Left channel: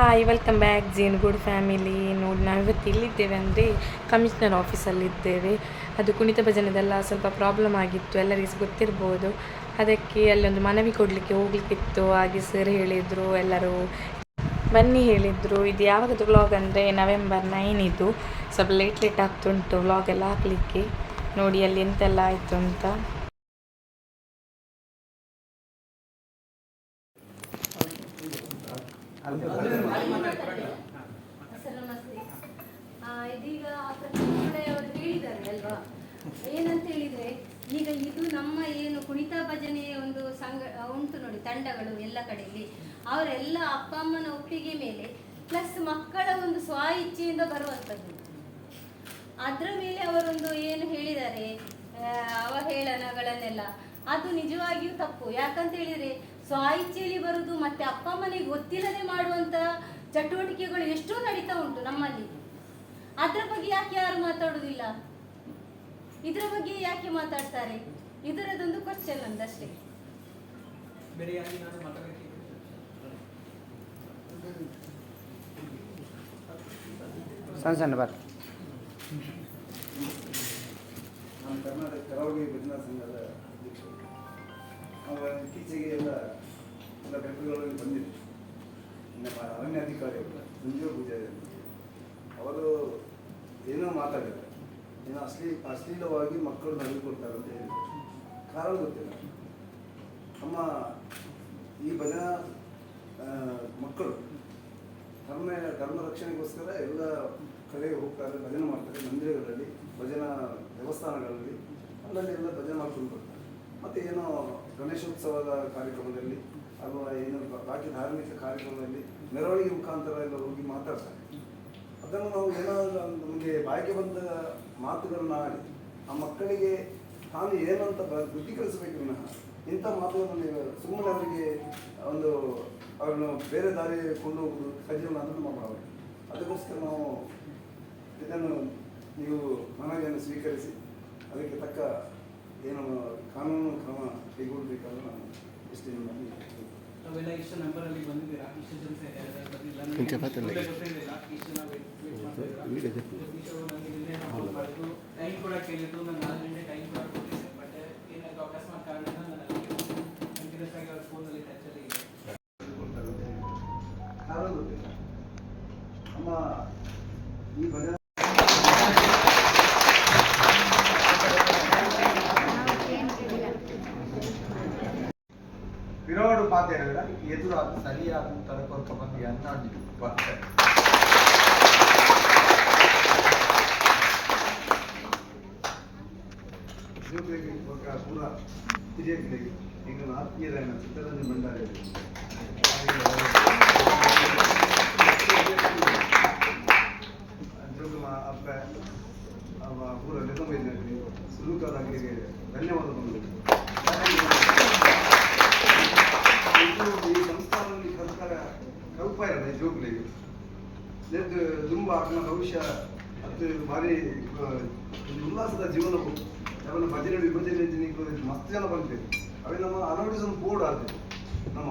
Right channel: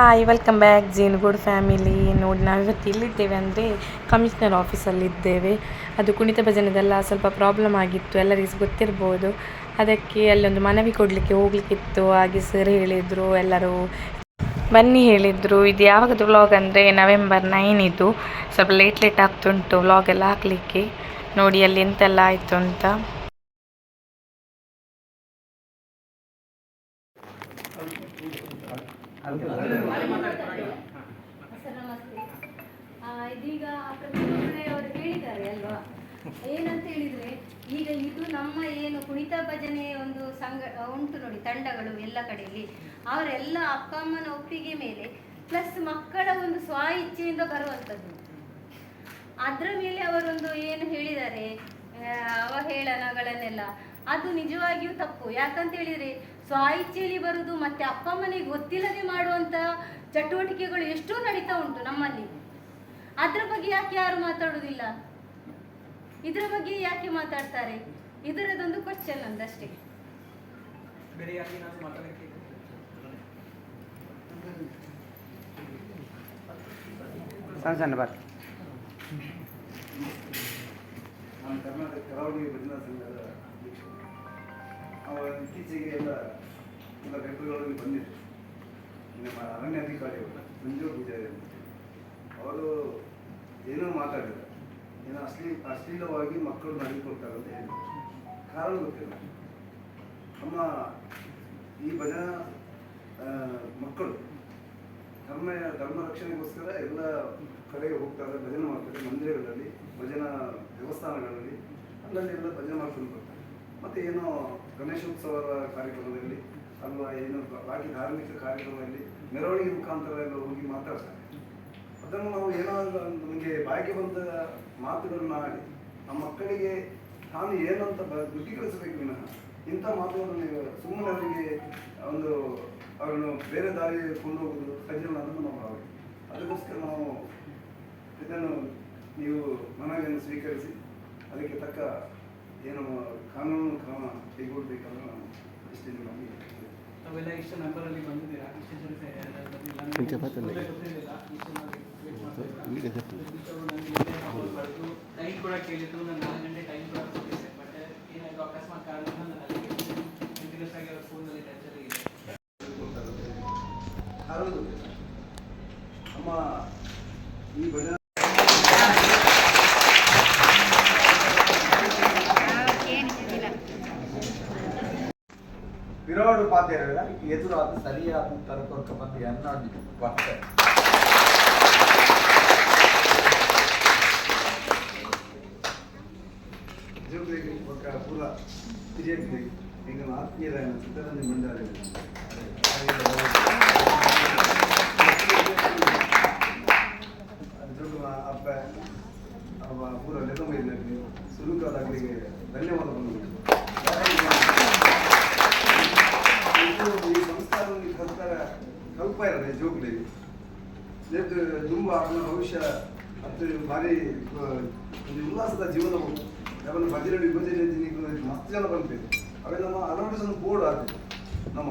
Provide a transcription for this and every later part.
Hi welcome back ಜೀನ್ good family. ನೋಡಿ ನಾವಿವತ್ತು ಎಲ್ಲಿದ್ದೇವೆ ಅಂದರೆ ಕಮಿಷನರ್ ಆಫೀಸಲ್ಲಿದ್ದೇವೆ. ಅದು ಕುಣಿತ ಭಜನೆದೆಲ್ಲ ಸ್ವಲ್ಪ ಪ್ರಾಬ್ಲಮ್ ಆಗಿತ್ತು, ಎಲ್ಲರಿಗೂ ಗೊತ್ತಿರ್ಬೋದು. ಅದಕ್ಕೆ ಅಲ್ಲೊಂದು ಮನವಿ ಕೊಡಲಿಕ್ಕೆ ಹೋಗ್ಲಿಕ್ಕಿತ್ತು. ಹಾಗೆ ಸರ್ ಹೇಳಿದರು, ಎಲ್ಲರೂ ಬನ್ನಿ ಹೇಳಿದರು. ಇದು ಯಾವಾಗದು ವ್ಲಾಗ್ ಅಂದರೆ November 9 ಇದು. ಸ್ವಲ್ಪ ಲೇಟ್ ಆಗ್ತುಂಟು ವ್ಲಾಗ್ ಎಲ್ಲ ಹಾಕಲಿಕ್ಕೆ. ನೋಡಿ ಅಲ್ಲಿ ಎಂತೆಲ್ಲ ಆಯಿತು ಅಂತ. ಇದೀಗ ಅವರು ಹೇಳಿದ್ದಾರೆ ಅಲ್ವಾ, ಏನಂತ ಹೇಳಿದ್ರೆ ಈಗ ಇದು ನಮ್ಮ ಏನು ಕುಣಿತ ಭಜನೆ ಒಂದು ಸಂಘ ಉಂಟು ನೋಡಿ, ತಂಡಗಳು ಎಲ್ಲ ಕಡೆಯಲ್ಲಿ ಅವರೆಲ್ಲ ಅಪ್ಪ ಅಮ್ಮನ ಒಪ್ಪಿಗೆ ಮೇಲೆ ಪ್ಲಸ್ ಮಕ್ಕಳ ಒಂದು ಸ್ವ ಇಚ್ಛೆಯಿಂದ ಬರುವಂಥದ್ದು. ಅದರ ಮೇಲೆ ಅವರೊಂದು ಏನು ಹೇಳಿದ್ದಾರೆ ಅವಹೇಳನಗಳನ್ನೆಲ್ಲ, ಅದು ನಿಜವಾಗಿಯೂ ತಪ್ಪು. ಯಾಕಂತ ಹೇಳಿದ್ರೆ ಸ್ವ ಇಚ್ಛೆಯಲ್ಲಿ ಬರುವುದು ಮತ್ತೆ ಅಪ್ಪ ಅಮ್ಮನಿಗೆ ಗೊತ್ತಿಲ್ಲದೆ ಮಾಡುವಂತ ಚಟುವಟಿಕೆಗಳು ಎಷ್ಟೋ ನಡೀತಾ ಉಂಟು ನಮ್ಮಲ್ಲಿ. ಅದ್ರ ಬಗ್ಗೆ ಯಾಕೆ ಯಾರು ಮಾತಾಡುವುದಿಲ್ಲ? ಇದ್ರ ಬಗ್ಗೆ ಯಾಕೆ ಮಾತಾಡ್ತಾರೆ? ಇದರದೊಂದು ಕ್ವಶನ್ ಅಂದಷ್ಟೇ. ನಾನು ಕರ್ನಾಟಕ ಕರಾವಳಿ ಭಜನಾ ಸಂಘದ ಅಧ್ಯಕ್ಷ. ಇತ್ತೀಚೆಗೆ ಎಲ್ಲ ಪೇಪರ್ಗಳಲ್ಲಿ ಬಂದಿದೆ. ನಮ್ಮ ಅರಣ್ಯ ಅಧಿಕಾರಿಗಳು ಮಂಜೂರು ಪೂಜಾರಿ ಅವರು ಏನೋ ಮಾತಾಡಿದ್ದಾರೆ, ಏನೋ ಅಶ್ಲೀಲವಾಗಿ ಮಕ್ಕಳು ನಡೆದುಕೊಳ್ತಾರೆ ಅಂತ ಹೇಳಿ. ಕಾರಣ ಗೊತ್ತಿಲ್ಲ. ನಮ್ಮ ಈ ಭಜನಾ ಮಕ್ಕಳು ಧರ್ಮ ರಕ್ಷಣೆಗೋಸ್ಕರ ಎಲ್ಲ ಕಡೆಗೆ ಹೋಗ್ತಾರೆ, ಭಜನೆ ಮಾಡ್ತಾರೆ. ಮಂದಿರಗಳಲ್ಲಿ, ಭಜನಾ ದೇವಸ್ಥಾನಗಳಲ್ಲಿ ಅಲ್ಲಲ್ಲಿ ಎಲ್ಲ ಭಜನೆ ಮಾಡ್ಕೊಂಡು ಬರ್ತಾರೆ. ಮತ್ತು ಏನೋ ಗಣೇಶೋತ್ಸವದ ಕಾರ್ಯಕ್ರಮದಲ್ಲಿ ಅಥವಾ ಏನು ಬಾಕಿ ಧಾರ್ಮಿಕ ಕಾರ್ಯಕ್ರಮದಲ್ಲಿ ಮೆರವಣಿಗೆ ಮುಖಾಂತರ ಎಲ್ಲ ಹೋಗಿ ಮಾತಾಡ್ತಾರೆ. ಅದನ್ನು ನಾವು ಏನಾದರೂ ನಮಗೆ ಬಾಯಿಗೆ ಬಂದ ಮಾತುಗಳನ್ನ ಆಡಿ ಆ ಮಕ್ಕಳಿಗೆ ತಾನು ಏನಂತ ದೃಢೀಕರಿಸಬೇಕು ವಿನಃ ಇಂಥ ಮಾತುಗಳನ್ನು ನೀವು ಸುಮ್ಮನೆ ಅವರಿಗೆ ಒಂದು ಅವರನ್ನು ಬೇರೆ ದಾರಿ ಕೊಂಡು ಹೋಗುವುದು ಸರಿಯಲ್ಲ ಅನ್ನೋದು ನಮ್ಮ ಭಾವನೆ. ಅದಕ್ಕೋಸ್ಕರ ನಾವು ಇದನ್ನು ನೀವು ಮನವಿಯನ್ನು ಸ್ವೀಕರಿಸಿ ಅದಕ್ಕೆ ತಕ್ಕ ಏನು ಕಾನೂನು ಕ್ರಮ ಕೈಗೊಳ್ಳಬೇಕಂತ ನಾನು ಇಷ್ಟೇ ನಿಮ್ಮಲ್ಲಿ ಅವೆಲ್ಲ ಇಷ್ಟು ನಂಬರಲ್ಲಿ ಬಂದಿದ್ದೀರಾ? ಟೈಮ್ ಕೂಡ ಕೇಳಿದ್ದು, ನಾನು 4 ಗಂಟೆ ಟೈಮ್ ಕೂಡ ಕೊಟ್ಟಿದ್ದೆ. ಬಟ್ ಏನಾದರೂ ಅಕಸ್ಮಾತ್ ಕಾರಣದಿಂದ ನಾನು ಕಂಟಿನ್ಯೂಸ್ ಆಗಿ ಅವ್ರ ಫೋನಲ್ಲಿ ಟೆನ್ಷನ್ ಇದೆ. ನಮ್ಮ ಈ ಭಜನಾ ವಿರಾಡು ಪಾತ್ರೆಗಳ ಎದುರಾದ ಸರಿಯಾದ ಉತ್ತರ ಕೊರಕ ಬಂದಿ ಅನ್ನೋದು ಬರ್ತದೆ. ಪೂರ ಬಿಜೆಪಿ ಈಗ ಆತ್ಮೀಯರ ಚಿತ್ರರಂಜನ್ ಭಂಡಾರಿ ಅಪ್ಪ ಪೂರ ನೆನಪು ಸುಲೂಕಾದಾಗಲಿಗೆ ಧನ್ಯವಾದ ಬಂದರು. ಈ ಸಂಸ್ಥಾನದಲ್ಲಿ ಕಲ್ಪ ಇರೋದು ಜೋಗುಲಿಗೆ ತುಂಬ ಅವನ ಭವಿಷ್ಯ ಮತ್ತು ಭಾರಿ ಒಂದು ಉಲ್ಲಾಸದ ಜೀವನವು ಅವನ ಭಜನೆ ವಿಭಜನೆ ಮಸ್ತ್ ಜನ ಬಂತೇವೆ. ಅವೇ ನಮ್ಮ ಅನಾಡಿಸನ್ ಬೋರ್ಡ್ ಆಗ್ತದೆ. ನಮ್ಮ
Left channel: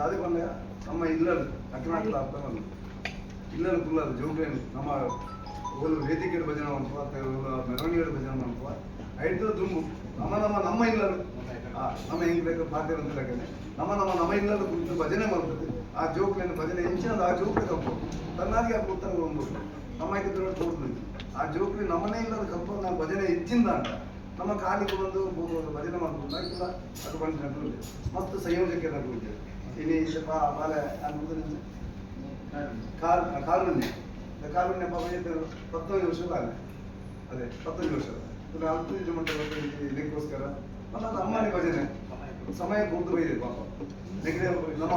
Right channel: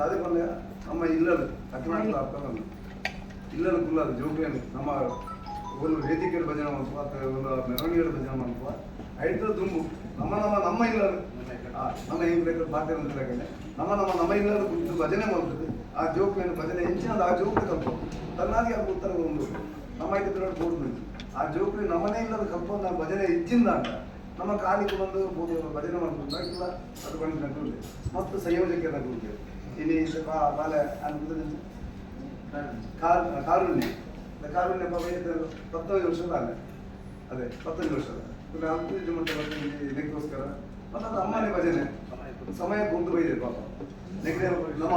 ರಾಜಕೀಯ ನಮ್ಮ ಇಲ್ಲರು ಕರ್ನಾಟಕದ ಅರ್ಥವನ್ನು ಇಲ್ಲರು ಕುಲ್ಲದು ಜೋಗುಲಿ ನಮ್ಮ ಒಂದು ವೇದಿಕೆ ಭಜನೆ ಮಾಡುವ ಅಥವಾ ಮೆರವಣಿಗೆ ಭಜನೆ ಮಾಡುವ ಐದು ತುಂಬು ನಮ್ಮ ಇಲ್ಲರು ನಮ್ಮ ಹೆಂಗ್ ಪಾತ್ರೆ ಬಂದಿದ್ದಾಗನೆ ನಮ್ಮ ಇಲ್ಲದ ಕುರಿತು ಭಜನೆ ಮಾಡ್ತದೆ. ಆ ಜೋಕ್ಲಿಯನ್ನು ಭಜನೆ ಹೆಂಚಿನದು ಆ ಜೋಕ್ಲಿ ಕಲ್ಪ ತನ್ನಾಗಿ ಆ ಉತ್ತರ ಒಂದು ನಮ್ಮ ಐದು ಬೋರ್ಡ್ ಆ ಜೋಕ್ಲಿ ನಮ್ಮನೇ ಇಲ್ಲದ ಕಲ್ಪ ನಾವು ಭಜನೆ ಹೆಚ್ಚಿಂದ ಅಂತ ನಮ್ಮ ಕಾಲಿಗೆ ಬಂದು ಭಜನೆ ಮಾಡ್ಕೊಂಡು ಇಲ್ಲ ಅದು ಬಂದು ನಗುತ್ತದೆ ಮತ್ತು ಸಂಯೋಜಕ್ಕೆ ನಗುತ್ತೇವೆ. ಇನ್ನು ಬಾಲೆ ಕಾರುಣ್ಯ 19 ವರ್ಷದ ಅಲ್ಲ, ಅದೇ 15 ವರ್ಷದ ಹತ್ತು ಮಂಟಪ ಇದಕ್ಕೋಸ್ಕರ ಮತ್ತು ಅಮ್ಮನೇ ಭಜನೆ ಸಮಯ ಕೊಂದು ಬೈದೆ ಪಾಪ. ನಮ್ಮ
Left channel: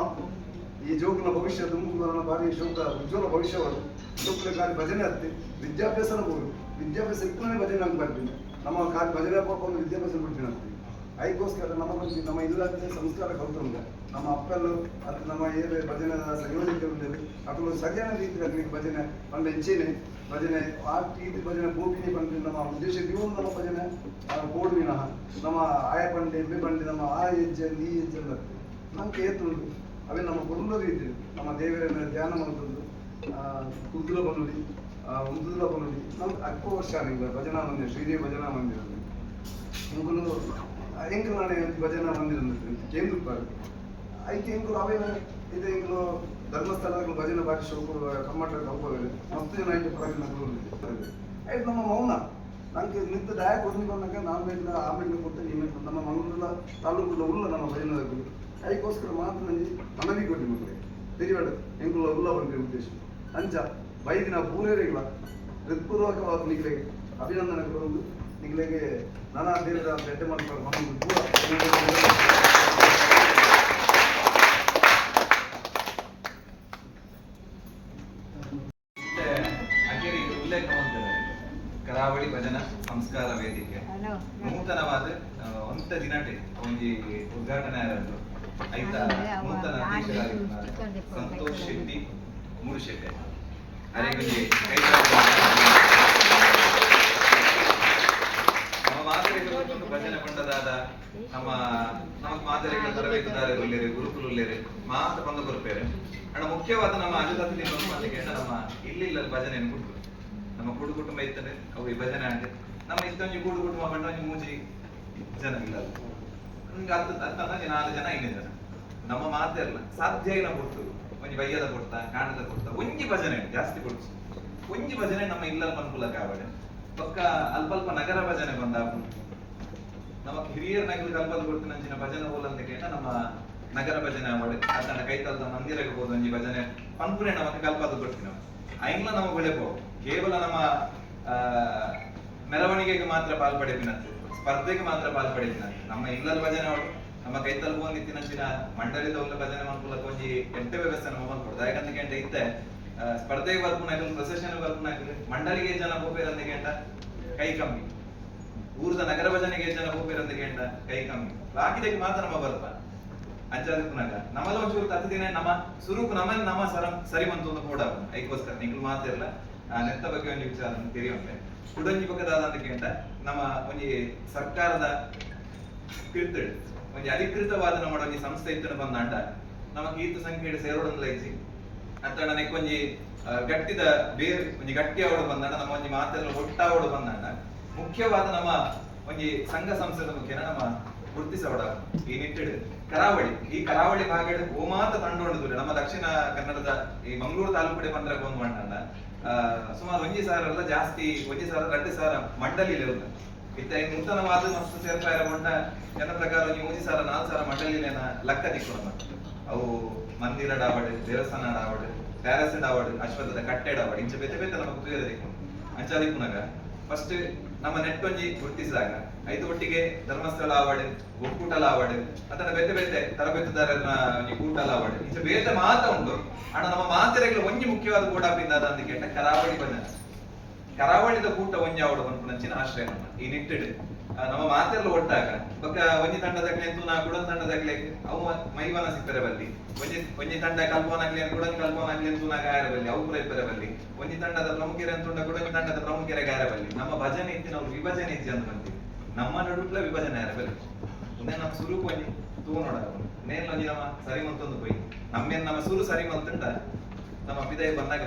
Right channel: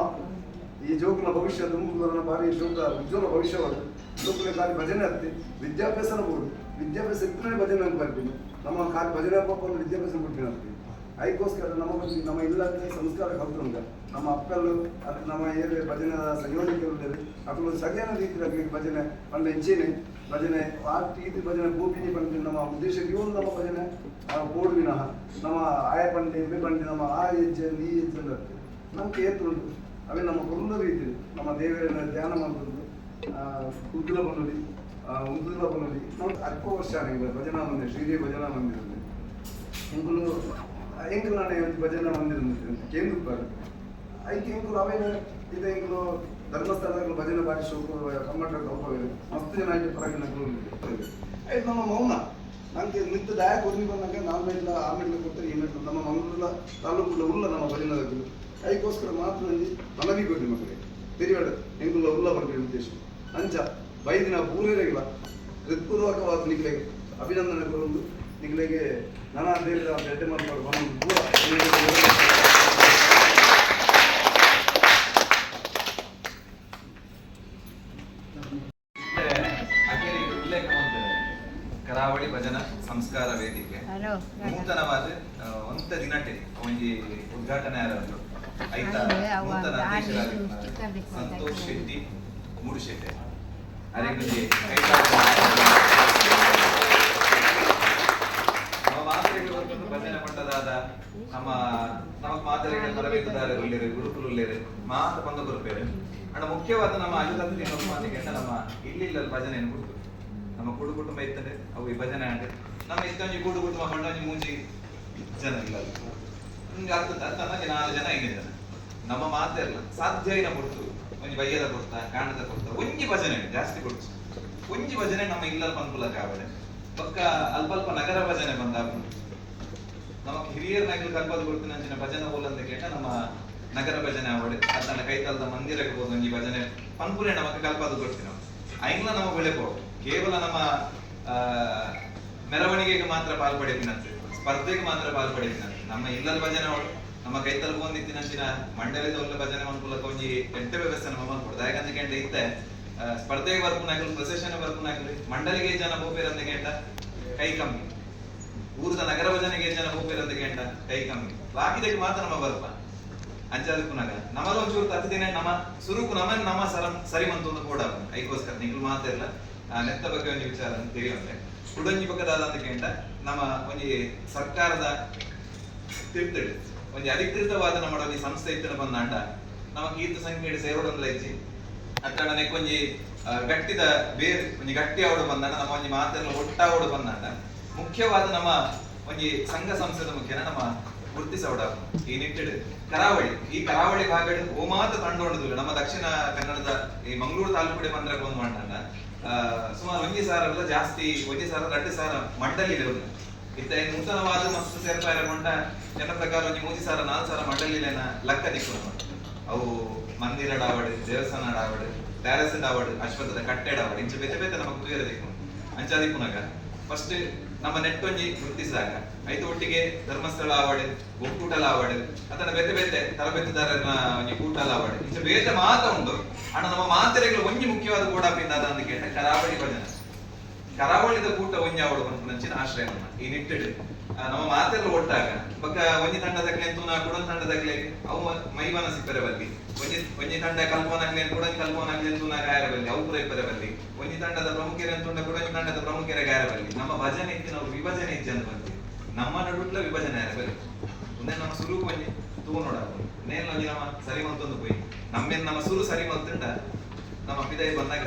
ಈ ಜೋಗುನ ಭವಿಷ್ಯ ತುಂಬ ಭಾರಿ ಜೋಗ ಉಜ್ವಲ ಭವಿಷ್ಯವಾದ ಜೋಗುಲ ಖಾಲಿ ಭಜನೆ ಹತ್ತಿ ವಿದ್ಯಾಭ್ಯಾಸನ ಬೋದು ವಿದ್ಯಾಭ್ಯಾಸ ಇಪ್ಪನೇ ಭಜನೆ ಅಂತ ಬರ್ತೀನಿ. ನಮ್ಮ ಖಾಲಿ ಭಜನೆ ಪಾಪ ಒಂದು ವಿದ್ಯಾಭ್ಯಾಸ ಬಿಡ್ತೀನಿ ಅಂತೀವಿ. ಅದಕ್ಕೋಸ್ಕರ ನಮ್ಮ ಇಲ್ಲದ ಸಂಸ್ಕಾರ ಕಲ್ತುಂಗ ನಮ್ಮ ಅಪ್ಪಲು ಅಥವಾ ನಮ್ಮ ಏನು ಭಜನೆ ಸಂಯೋಜಕರು ಅಕ್ಕಳು ಸರಿಯಾದ ರೀತಿಯಲ್ಲಿ ಭಜನೆ ಪಂಡ ಹೆಂಚೇನೆ ಭಜನೆ ಆ ರೀತಿ ಭಜನೆ ಭೂಪಿನಿ ಪಂಡಿ ನಮ್ಮ ಉದ್ದೇಶ ಇವನು ನಮ್ಮ ಭಜನೆ ಬೋರ್ಡ್ ವಿನಃ ನಮ್ಮ ಆಯ ಪಂಡಿ ಎಮ್ಮೆ ಪಂಡಿ ನಮ್ಮ ಆ ಹೆಜ್ಜೆ ಈ ಹೆಜ್ಜೆ ನಮ್ಗೆ ಏತುಂಟು ಅವೇ ನಮ್ಮ ಕುರುಂದರು ಇದ್ದೀವಿ ನಮ್ಮ ದೇವರನ್ನ ಧ್ಯಾನ ಮಾಡ್ಕೊಂಡು ಕುಗ್ಗುಲ ಬನ್ನುಡಿ ಉಂದುಲ ಬನ್ನುಡಿ ನಾವು ಅಲ್ಪ ವರ್ಷ ಭಜನಾ ಮಂದಿರ ಶ್ರೀದೇವಿ ಭಜನಾ ಮಂದಿರದಲ್ಲಿ ಎಂಕುಲು ಎಂಕುಲು ನಾನೇ ಭಜನಾ ಮಂದಿರ ಕೇಂದ್ರ ಐಕೆ ಎಂಕುಲು ಅವೇನು ಇದು ಎಂಕುಲು ಧರ್ಮಸ್ಥಳಗಳು ಭಜನೆ ಬಾರಿ ಶೋಕು ಕಮ್ಮಟ ಹೋಗೋದು ಮಸ್ತ್ ಜನ ಆಯ್ತು ಪರಗಿನಗಳು ಆಯ್ತು ನಮ್ಮ ಮೌನ ನಂಗೆ ನಿಂತು ಡಯ ಕೊದ್ನಿ ಬಂದಾಗ ನಾಲ್ಮೇಲೆ ಆಮೇಲೆ ಕೊಟ್ಟರೆ ಈ ಮೇಲೆ ನಮ್ಮ ಮಂಗಳೂರ ತಾಲೂಕುಲ್ಲ ಉಲ್ಲ ನಮ್ಮ ಭಜನಗಳು ಅದಕ್ಕೋಸ್ಕರ ಮಾತ್ರ ನಂಗೆ ಮನವಿ ಕೊಡ್ಲಿ ಮಕ್ಕಳಿಗೆ ತಿರುವಾಡ ಎಂಕುಲ್ಲ ಉಲ್ಲ ಬರಬೇಕು ಉದ್ದೇಶ ಅಂಚ ಬೈದಿನ ಪೂರೈರೆಗಿಲ್ಲ ಹೃತ್ಪೂರ್ವಕವಾದ ನಿಖಿಲೆಗೆ ಅಭಿನಂದನೆಗಳು ನಿಖಿಲೆಗೆ ನಾನಾ ದೇವರ ಬೆಡ್ಡೆ ಮಾಡ್ಕೊಂಡು ಮನವಿ ಪೂರ ಕರಾವಳಿ ಭಜನಾ ಸಂಸ್ಕಾರ ವೇದಿಕೆ ನೂತನವಾದ ಒಂತ ದಿನಟೆ ಒಂಜಿ ಉದ್ಘಾಟನೆ ಆದದ್ದು ಐತ ನೂತನ ಅಧ್ಯಕ್ಷರಾಗಿದ್ದಾರೆ ಸಂತೋಷ್ ಶೆಟ್ಟಿ ಮೂಡುಶೆಟ್ಟೆ ಅರೆಗೊಂಜಿ ನಮ್ಮ ಮಾದರಿಗಳು ಒಂದು ಭಜನೆ ಪಂಡದಾದ ನಮ್ಮ ನಮಕ್ ಮಾದರಿಗಳ ತರಬೇತುದಾರರು ಉಳ್ಳೇರೆ ಗುರುಕುಲು ಉಳ್ಳೇರೆ ಮಾತ ಬಂದ ಬರುತ್ತೇವೆ ಅಣ್ಣ ಮುಖ್ಯವಾದ ನಮ್ಮ ಅಜಲದಲ್ಲಿ ನೋಡ್ಕೊಂಡ್ಲಿಕ್ಕೆ ನಮ್ಮ ಇಲ್ಲಿ ಭಜನೆಯನ್ನು ಕೊಡ್ತು ನಮ್ಮ ಕೂಡು ಕುಟುಂಬ ಇರ್ತದೆ ಅವು ಈ ಭಜನೆ ಅಂದ್ರೆ ನಮ್ಮ ಇಷ್ಟೊಂದು ಕೂಡು ಕುಟುಂಬ ಹೊಂಡೊಂಜಿ ಮೂಜಿ ಜನ ಇಲ್ಲ ನಮ್ಗೆ ಆಗ್ತದ ತನ್ನಗೆ 4 ಜನ 5 ಜನ ನಮ್ಮ ಮಾತೆಲ್ಲ ಸಾಧ್ಯ ಇಲ್ಲ ಕೊಡ್ತು ಒಂಜಿ ಬಯ್ಯದ ಕೊಡ್ತಾ ಕಾಣದ ಕೊಡ್ತಾ ಒಂಜಿ ಭಜನೆ ಜಾಸ್ತಿ ಕೊಡ್ತು ಒಂಜಿ ಭಜನೆ ನಮ್ಮ ಇಲ್ಲಲ್ಲಿ ಅನುಕೂಲಕ್ಕೆ ಆವಡೆ ಪಕ್ಕ ಅಲ್ಪ ನಗರ ಭಜನೆ ಬಂದಾಗ ನಮಕ್ ಹಿರಿಯರ್ ನಗರ ಕಲ್ಪದ ಕೊಡ್ತೀನಿ ಅಂಚಿನ ಭಜನೆ ಹೋಲಂತ ಕೇಟ ನಮ್ಮ ನಗರ ಭಜನೆ ಆವಡೆ ಅದನ್ನ ಕೈತಲ್ದ ಮಂದಿರಕ್ಕೆ ಹೋದ ಒಂಜಿ ಭಜನೆ ಪನ್ಪುರೆ ನಮಕ್ ಕಲ್ಪದ ಕೊಡ್ತೀನಿ ನಾವು ಐನ್ಲ ನಮ್ಮ ಬೆಳೆ ಹೋಗು ಕೇವಲ ನಮ್ಮ ಮೆರವಣಿಗೆಗೆ ಮಾತ್ರ ಪಾಲ್ಪಡಿಸಿನಂತೆ ಸ್ಪರ್ಧೆಗೆ ಮಾತ್ರ ಪಾಲ್ಪಡಿಸಿನಂತೆ ನಮ್ಮ ಇಲ್ಲದ ಭಜನೆ ಅವಳು ನಮ್ಮ ಕೈತಲ್ ಬಂದಿತ್ತಿನ ಮಂಡಲದ ಒಂದು ಭಜನೆ ಅನುಕೂಲಕ್ಕೆ ಒಂಜಿ ಎಂಟೆ ವ್ಯವಸ್ಥೆ ನಮ್ಮ ಮಾಡ್ಕೊಡ್ದು ಯಾಕಂತ ಕೇಂದ್ರ ಇತ್ತೆ ಸ್ಪರ್ಧೆಗೆ ಬರ್ಪುನಾಗಲಿ ಪ್ರೊಸೆಷನ್ ಬರ್ಪುನಾಗಲಿ ಮಂಡಲಿಗೆ ಜನ ಹೋಗ್ಬೇರಂತ ಕೇಂಟ ಕೈ ಕಮ್ಮಿ ಊರದ ನಗರ ಭಜನೆಗೆ ಜನ ಹೋಗ್ಬೇರಂತ ಕೇಂಟ ಕೈ ಕಮ್ಮಿ ಬಾಕಿದಕ್ಕೆ ಮಾತ್ರ ನಮ್ಮ ಬರ್ಪ ಅಂಚಾದಕ್ಕೂನಾಗ ನಮ್ಮಲ್ಲ ಒಂಚೂರು ತತ್ತು ದಿನ ನಮ್ಮ ಸುರುಕು ನಮ್ಮ ಸರಿ ಮಂತು ಒಂದು ಕೂಡ ಐಕೋಸ್ಕರ ನಿಗಳು ಮಾತಿರಲ್ಲ ನೆತ್ತ ಬಗ್ಗೆ ಒಂದು ವಿಚಾರ ತಿಳಿಯುವಂತೆ ಕುಡಂಜಿ ಪಕ್ಕದಾದ ಅಂತ ಕೇಂದ್ರ ನಮ್ಮ ಒಂಜಿ ಸರ್ಕಾರದ ತಿರ್ತಡಿ ಒಂಜಿ ಅಧಿಕೃತವಾದ ನಮ್ಮ ಒಂಜಿ ಸಂಸ್ಥೆ ಇತ್ತನ ಬಂದಾಂಡ ನಮ್ಮ ಕೀರ್ತ ಸಂಖ್ಯೆ ಸೇರೋಡೊಂದು ಲೈಜಿ ಅತ್ತ ನೆಕ್ಕೊಂಜಿ ಗಟ್ಟಿದ ಬೇರೆ ಒಂಜಿ ಗಟ್ಟಿ ಅವಡು ಬಂದಾಂಡ ನಮ್ಮ ಒಂಜಿ ಮಾತೆಲ್ಲ ಒಟ್ಟಾವಡು ಬಂದಾಂಡ ಮುಖ್ಯವಾದ ನಮ್ಮ ಒಂಜಿ ಸಂಘ ಸಂಸ್ಥೆದ ಮುಖ್ಯನ ನಮ್ಮ ಗುರುತಿಸೋಡ ಈ ನಿಟ್ಟಿಡು ಈ ಕರಾವಳಿ ಭಾಗಡ್ ಓಮಾತ ತಂಡೊಂಡು ನಮ್ಮ ದಕ್ಷಿಣ ಕನ್ನಡದ ಈ ಮಂಗಳೂರು ತಾಲೂಕು ಬಂದ್ರೆ ಒಂದು ಮಂಡಲ ಸುಮಾರು 1,000 ಜಾಸ್ತಿ 1,000-2,000 ಮಂಡಲಿ ಇತ್ತ ನೂತನವಾದ ಮಸ್ತ್ ಸೇರ್ಪಾಯ ಮಂಡ ಜನ ಪ್ರಕಾರ 3,000 4,000 ಮಂಡಲಿನ ಲೆಕ್ಕ ದಿಕ್ಕು ಅವು ಮಂದಿರ ಡಾವಡ್ ದೇವಸ್ಥಾನ ಡಾವಡ್ ಪ್ಯಾಲೇಸ್ ಡಾವಡ್ ಅಶ್ವತ್ಥದ ಕಟ್ಟೆ ಡಾವಡ್ ಇಂಚ ಬೆತೆ ಬೆತೆ ನಮಗೆ ತುಯರ ದಿಕ್ಕು ಅಂಚಾದಿಕ್ಕುನಾಗ ಫಸ್ಟ್ ನಮ್ಮ ನೆಟ್ಟೊಂಜಿ ಗುರುತಿಸಿದಾಗ ಐದು ಒಟ್ಟಿಗೆ ಧರ್ಮಸ್ಥಳ ಆವಡ್ ಒಕ್ಕೂಟಲ ಆವಡ್ ಅದನ್ನ ಬೆತೆ ಬೆತೆ ತರಬೇತುದಾರನ ಒಂಜಿ ಕೂಟಲ ಆವಡ್ ಇಂಚ ಬೇತೆ ಮಾತ ಉಂಟು ಅಣ್ಣ ನಮ್ಮ ಮಾತೆರೆಗಳು ಒಂಜಿ ಮುಖ್ಯವಾದ ಕೂಡಾಪಿಂದಾದ ಅಂತ ಕೇಟ ಕರಾವಳಿ ಭಜನೆ ಕರಾವಳಿದ ಕೂಟ ಒಂಜಿ ಆವಡು ಪಂಚಿನ ಆಶ್ರಯ ನಮ್ಮ ಈ ನಿಟ್ಟಿಡು ನಮ್ಮ ಮಾತೆಲ್ಲ ಒಟ್ಟಾಗ ಬೊಕ್ಕ ಒಂಜಿ ತಂಡದಕ್ಕೆ ತೂನ ಕುಡೊಂದು ತಂಡದಕ್ಕೆ ಅವು ಮೈವನ ಸಿಪ್ಪರೆ ಬಲ್ಲಿ ಒಂಜಿ ತಂಡ ಕಲ್ಪೋನಾಗ್ಲಿ ಕುಡೊಂದು ಕಲ್ಪೋನಾಗ್ಲಿ ತೂನ ಗಾಯರ ಬಲ್ಲಿ ಅವು ಕೂಡ ಇಪ್ಪರೆ ಬಲ್ಲಿ ಒಂಜಿ ತಂಡದ ಪ್ರಮುಖರೆ ಅಂತುಂಡ ಕುಡೊಂದು ತಂಡದ ಪ್ರಮುಖರೆ ಗಾಯರ ಬಲ್ಲಿ ನಮ್ಮ ಭಜನೆ ಇತ್ತು ನಾವು ವಿಭಜನೆ ಇಜ್ಜೆ ಅಂತ ಬಂತೀವಿ ನಮ್ಮ ನಡುಟ್ಲ ವಿಭಜನೆ ಯಾರ ಬಲ್ಲಿ ಒಂದೇ ನಮ್ಮ ಸುರು ಒಂಜಿ ತೂ ನೋಡ ನೇಲ್ ಒಂಜಿ ನಮ್ಮ ಸರಿ ಮಂತೊಂದು ಹೋಯ್ ನಮ್ಮೇನ್ ನಮ್ಮ ಸುರು ಸರಿ ಮಂತುಂಡ ನಮ್ಮ ಪಿದಾಯಿ ಬಂದಾಗ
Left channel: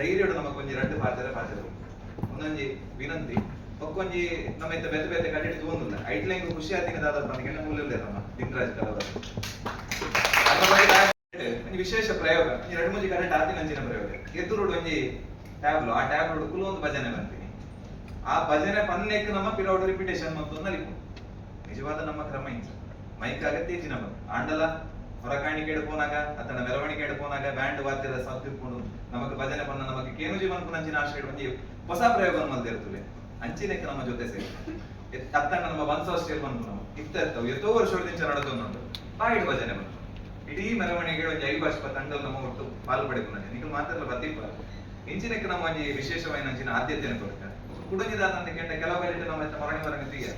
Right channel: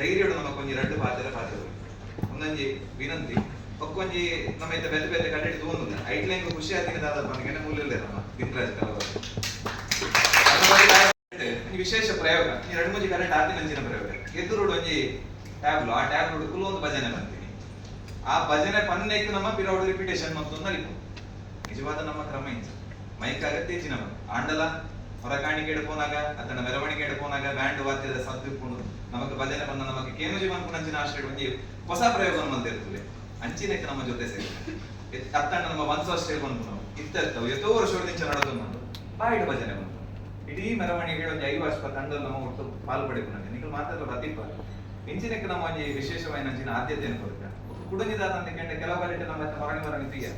ಧೈರ್ಯಡು ನಮ್ಮ ಕೊಂಜಿ 2 ಪಾತ್ರ ಒಂದೊಂಜಿ ವಿನಂತಿ ಒಕ್ಕೊಂಜಿ ನಮ್ಮ ಇತ್ತ ಬೆತೆ ಬೆತೆ ಕಟ್ಟಿಟ್ಟು ತಗೊಂಡಿಲ್ಲ ಐಟ್ಲೆಂಗ್ ಖುಷಿ ಆಗ್ತೀನಿ ದಾದ ಬಂದಿಗೆ ಮೂಲ ನಮ್ಮ ದಿನರಾಜ್ ಕಲವರು ವಿಶೇಷ ಪ್ರಯೋಗ 2-3 ಕರೆಂಟ್ ಆದಿನ ಅಂಚಿನ ಪ್ರಯೋಗ ಎದುರುಡು ಒಂಜಿ ಟ್ಯಾಬ್ಲು ಆ ಟ್ಯಾಬ್ಲು ಕುಲು ಒಂದು ಭಜನೆ ಬಂತೀನಿ ಆ ಭಜನೆ ಪನ್ನೇಕ್ ನಮ್ಮ ಪಿರೌಡು ರಿಪಿಟೇಷನ್ ಮತ್ತು ನಲಿಪು ನಿಜವಾದ ನಮ್ಮ ಕ್ರಮ ಇಂಚ ಮೈಕ್ ಅಗತ್ಯ ಇಚ್ಚಿನ ಆಂಡಲ ಹೊರಕಾಣಿಕೆ ಎಡ್ಪೋನಾಗ ಅತನ ಮೆರವಣಿಗೆ ಎಡ್ಪೋನಾಗ ಬ್ಯಾಂಡ್ ವಾದ್ಯದ ಸದ್ದುಕೊಂಡು ನಮಗೆ ಭಜನೆ ಬಂದ ನಮಗೆ ಕೇನುಜಿ ಬಂದ್ಕೊಂಡು ಅಂಚಿನ ಆಶ್ರಯ ಒಂಜಿ ಹೊಸ ಪ್ರಯೋಗವನ್ನು ಬಂದಿರ್ತದೆ ಅಂಚಿನಕ್ಕೆ ನಮ್ಮ ಜೊತೆ ಸೇರಿ ಅತ್ತಣ್ಣ ನಮ್ಮ ಬನ್ಸೋಷ್ಟೇ ಬಂದು ನಾವು ಇರ್ತವೆ ಎಷ್ಟೋ ವರ್ಷದಿಂದ ನಡೆದು ನೋಡು ಬಾಯಿಡು ಭಜನೆ ಬಂತು ಇಡೀ ಮೆರವಣಿಗೆ ಒಂದು 5 ತಂಡ ನಮ್ಮ ಒಟ್ಟು ಪಾಲ್ಪಡಿಕೊಂಡು ನೀವು ಮಾತಾಡಲು ಬತ್ತಿಪ್ಪ ಇಂಚಿನಕ್ಕೆ ನಮ್ಮ ಒಂಜಿ ವಿಶೇಷವಾದ ಅಂಚಿನ ಆದ್ಯತೆಯನ್ನು ಕೊಡ್ಕ ಕುಡಂಜಿದಾದ ಅಂತ ಕೇಂದ್ರ ಕೆಲವು ಕಲಿಟ್ಟು ನಮ್ಮ ಹೊರಗೆ ತೀಯ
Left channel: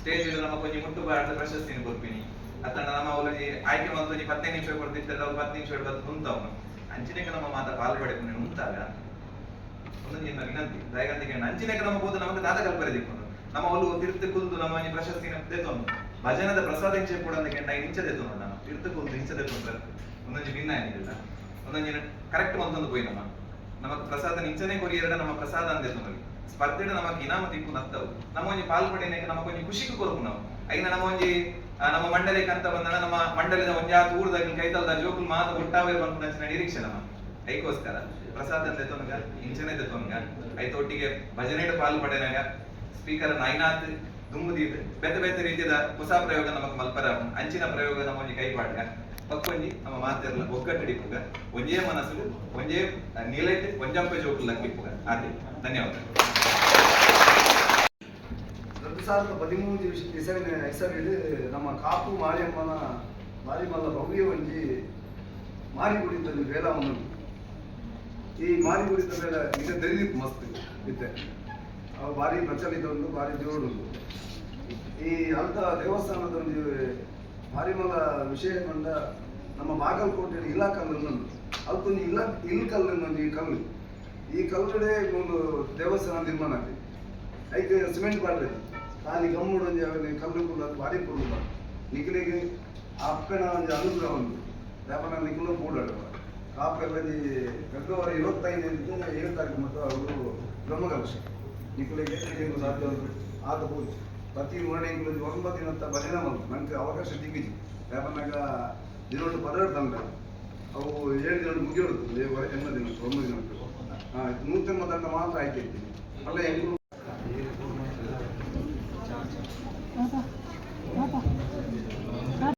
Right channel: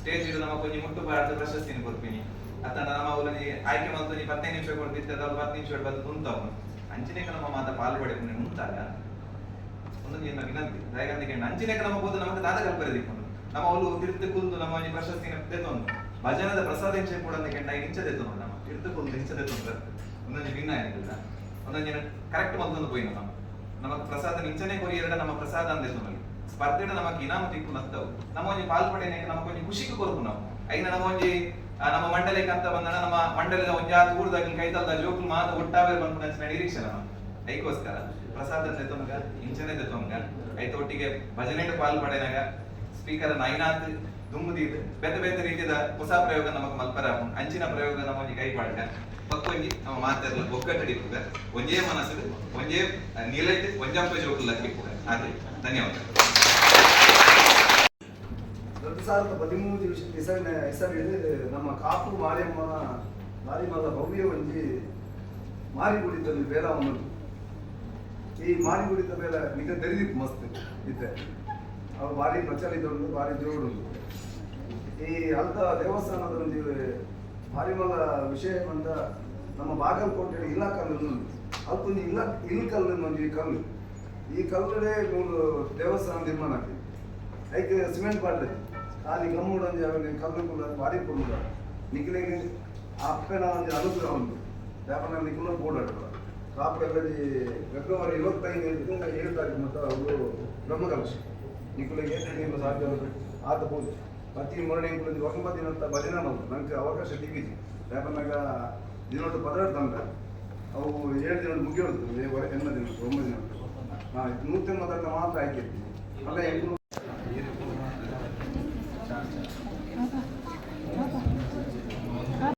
ಸ್ಟೇಜ್ ಇಡು ನಮ್ಮ ಕೊಂಚ ಮುಟ್ಟು ಬಾರದ ಪ್ರಶಸ್ತಿನ ಕೊಡ್ತೀನಿ ಅತ್ತಣ್ಣ ನಮ್ಮ ಅವಳಿಗೆ ಆಯ್ಕೆ ಮತ್ತು 15 ನಿಮಿಷ ಕೊಡ್ತಿದ್ದ 10 ನಿಮಿಷ ಬಂದು ಕುಂತವನು ಅಂಚಿನಕ್ಕೆ ನಮ್ಮ ಮಾತ ಪಾಲ್ಪಡಿಕೊಂಡು ಉಂಟಾಗ ಒಂದೊಂದು ವಿನಂತಿ ದಯಗಂತಿಗೆ ಅಂಚಿನಕ್ಕೆ ನಮ್ಮ ಹೋದ ನಮಗೆ ದಾದ ಕಲ್ಪನೆ ದಿಕ್ಕೊಂಡು ನಮ್ಮ ಅವಳು ತಿರ್ತು ಕುಲ್ದು ನಮ್ಮ ಪ್ರಶಸ್ತಿನ ತೆತ್ತೊಂದು ಭಜನದ ಪ್ರಸಾದ ಇಂಚೆ ಕೂಡ ಕೆಂಡ ಇಂಚದೆತ್ತು ನೋಡಿ ನಮ್ಮ ತಿರ್ತು ಕುಲ್ದು ಇಂಚದೆತ್ತು ಒಂದೊಂದು ಭಿನ್ನ ಏನಿಲ್ಲ ಒಂದೊಂದು ಕರೆಕ್ಟ್ ಒಂದೊಂದು ಪೋಯಿ ನಮಗೆ ಪ್ರಸಾದ ನಿಂಚನೆ ಕೊರಿ ಎರಡ ನಮ್ಮ ಪ್ರಸಾದ ಅಂದೆ ತೊಂದಲ್ಲಿ ಸ್ಪರ್ಧೆಡ ನಮಗೆ ಇನಾಮ ತಿಕ್ಕು ನತ್ತವು ನಮ್ಮ ಒಂಜಿ ಪಾಲ್ಪಡೆನೆ ನಮಗೊಂಜಿ ಖುಷಿಗೆ ಕೊರಪು ನಾವು ಐನ ನಮ್ಮ ಒಂಜಿ ನಮ್ಮ ಮಂಡಲಕ್ಕೆ ಅಂತ ಬಂದಣ ನಮ್ಮ ಮಂಡಲದ ಒಂಜಾತು ಊರ್ದಾಗ ಕೈತಲ್ದ ಜೋಕುಲು ಮಾತ ಒಟ್ಟಾವೇರು ಬಂದ್ಕೊಂಡ ನಿರೀಕ್ಷೆ ನಮ್ಮ ಐಕೋಸ್ಕರ ಪ್ರಸಾದ ಅಂದೆ ತೊನಗ ಇಂಚನೆ ತೊನಗ ಐತ ಒಟ್ಟಿಗೆ ಭಜನೆಡ್ ಪಾಲ್ಪಡೆನಾಗ ಸ್ಪೀಕರ್ ಐನಾತ್ ದುಂಬುದೀದ್ ಬೇತೆ ಬೇತೆ ರೀತಿಯ ಹೊಸ ಪ್ರಯೋಗ ನಮಗೆ ಮಲ್ಪರ ಅಂಚಿನ ಪ್ರಯೋಗ ನಮ್ಮ ಒಂಜಿ ಕೈಪಾಡ್ಗ ಪಕ್ಕೊಂಜಿ ನಮ್ಮ ಮಾತೆರ್ಲ ಒಗ್ಗಟ್ಟಡಿಪ್ಪುಗ ಒಂಜೇ ಮನಸ್ಸು ಒಂಜೇ ನೀಲೈಟ್ ಒಂಜಂಪ ಜೋಕುಲ್ಲ ಕಿಪ್ಪುಗ ಅದೇ ಧನ್ಯವಾದ 2013 ಹೆಸರಿಡು ನಮ್ಮ ಕಾಪು ಮಾರಿಯಮ್ಮನ ಮಾರಿಮಲ್ಲ ಭವ್ಯ ಒಂಜಿ ಮಾರಿಗುಡಿತ ಬೇಲಾಮನ ಈ ಮಾರಿಗುಡಿತ ಬೇಲ ಈಗ ತೆರಿದಿತ್ತು ಮಸ್ತ್ ಇತ್ತೆ ಅವು ಭಾರಿ ಪ್ರಚಲಿತ ಉಂಟು ಭಾರಿ ಜೋಡು ಉಂಟು ಈ ಅಲ್ದ ದೇವಸ್ಥಾನದ ಒಂದು ಮಾರಿಮಲ್ಲ ವಿಷಯ ಬಂದ ನಮ್ಮ ಬಾಗಲಕೋಟೆ ಇಲಾಖಲ್ಲು ಅದಕ್ಕೊಂದು ಇಲ್ಕಲ್ಲು ಒಂದು ಕಲ್ಲು ಈ ಕಲ್ಲುಡೆ ಒಂದು ದೇವಸ್ಥಾನ ನಿರ್ಮಾಣ ಆಗಿದೆ ಐದು ಸಿಮೆಂಟ್ ಬಾಡ್ಲೆ ಖಾಲಿ ಗಮ್ಮುಡು ಒಂದು ಕಲ್ಲು ಅದು ಭಾರಿ ಕೊಡುದ ನಿಖಿಲಿಗೆ ಅಪ್ಪನ ಒಂದು ಅನುಗ್ರಹ ಉಂಟು ವ್ಯಾಪಾರ ನಿಖಿಲ ಬೋರ್ಡ್ ಕಾಪೆಲ್ಲ ಫೆಬ್ರವರಿ 25 7 ತಾರೀಕು ಮಾತ್ರ ಅವರು ಬ್ರಹ್ಮಕಲಶ ನಿಖಿಲಿಗೆ ಸಾಧ್ಯ ಆತ ಹೋಗಿ ಪ್ರತಿ ಮೂರನೇ ಇಂಕ್ಲೂಸ್ 9 ದಿನ ಭಜನೆ ಮಾಡೋದು ನನಗೆ ಅವಕಾಶ ಸಿಕ್ಕಿದೆ ಯಾಕಂದಾಗ ದಿನೊಟ್ಟು ಪದರ ತಂದ ಅವು 7 ದಿನ ಮುಗಿಯೋದು ಎಲ್ಲ ದಿನ 9 ದಿನ ಹಾಂ 180 ದಂಡ ಮಾತ್ರ ಆಯ್ಕೆ ಇರ್ತೀನಿ ಅಲ್ಲ